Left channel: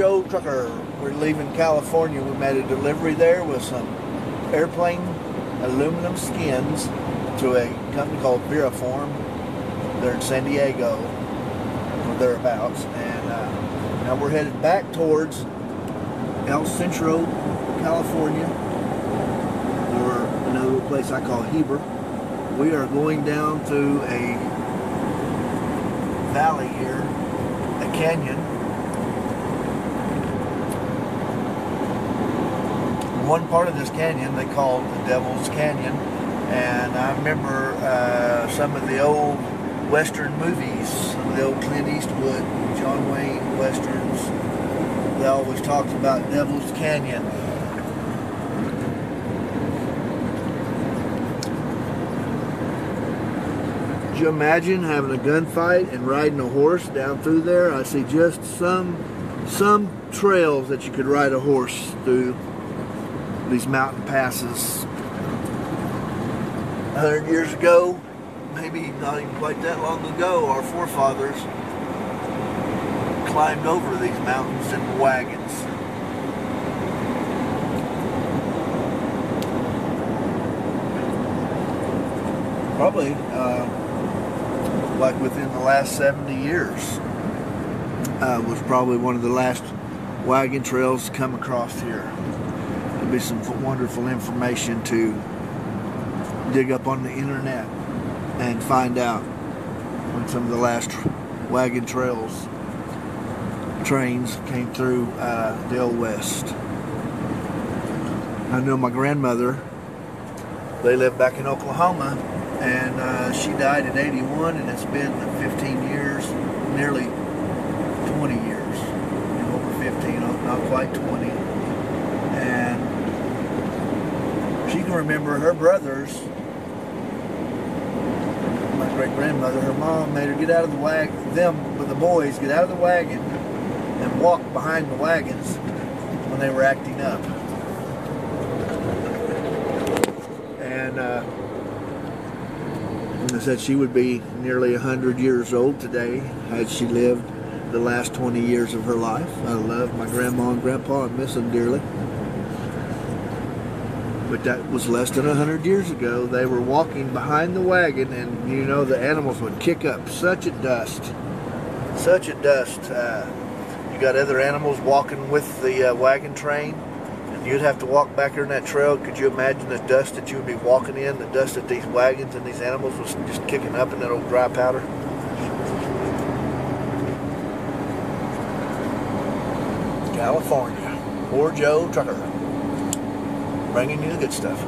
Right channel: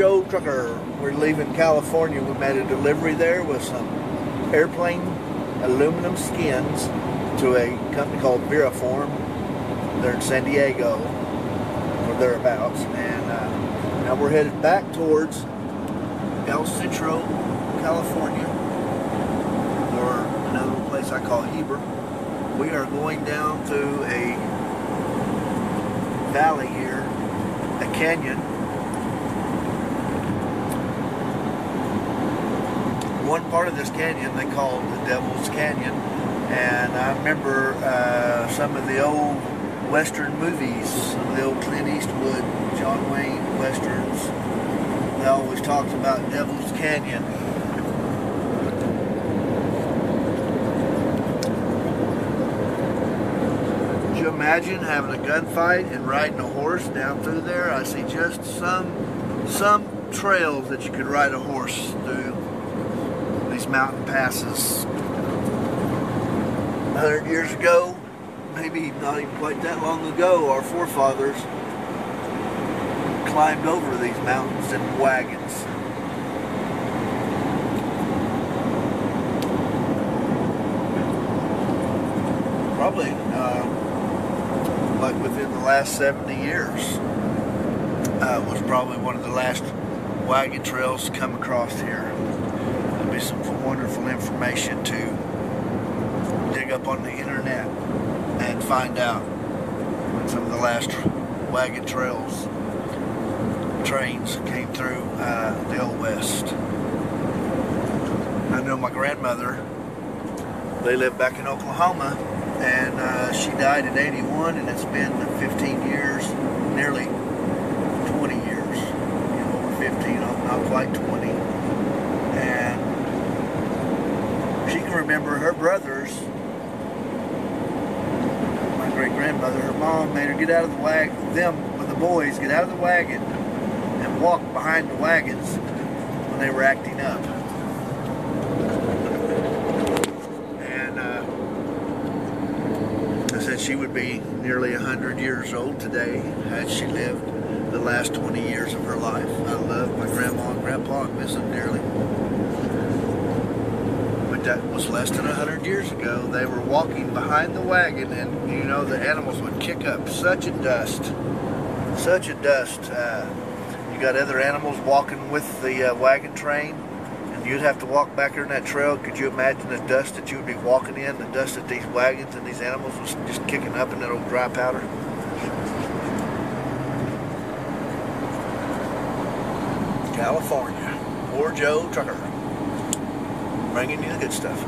Porjotrucker. We're leaving California. We made a delivery there with some airplane aluminum skins to a company called Form. They're in San Diego or thereabouts, and now we're headed back towards El Centro, California, or another little place I call Heber. We are going down through a valley here, a canyon. One part of this canyon they called the Devals Canyon, and I remember some of the old Western movies, some of the old Clint Eastwood, John Wayne Westerns. They always talked about Devals Canyon. Could you imagine having a gunfight and riding a horse down through there? I see just some trails that you could ride a horse through these mountain passes. 100 years ago, maybe not even quite that long ago, our forefathers climbed over these mountains in wagons. Probably like within the last 70 years was probably one of the last wagon trails to come across here. There'll be some wonderful information to dig up on the internet and find out when some of the last wagon trains came through the Old West. I know my grandmother, they lived back in Oklahoma, and she died at 81, and it's been 15 years, nearly 20 years, over 15, not quite 20. And she can remember her brothers. My great-grandmother, her mom made her get out of the wagon, the boys, get out of the wagon and walk behind the wagons when they were acting up. And I said she would be nearly 100 years old today had she lived the last 20 years of her life. I love my grandma and grandpa and miss them dearly. But that was less than 100 years ago. They were walking behind the wagon, and you know the animals would kick up such a dust. Such a dust. You got other animals walking with the wagon train, and you'd have to walk back there in that trail. Could you imagine the dust that you would be walking in, the dust that these wagons and these animals was just kicking up in that old dry powder? California. Porjotrucker. Bringing you the good stuff.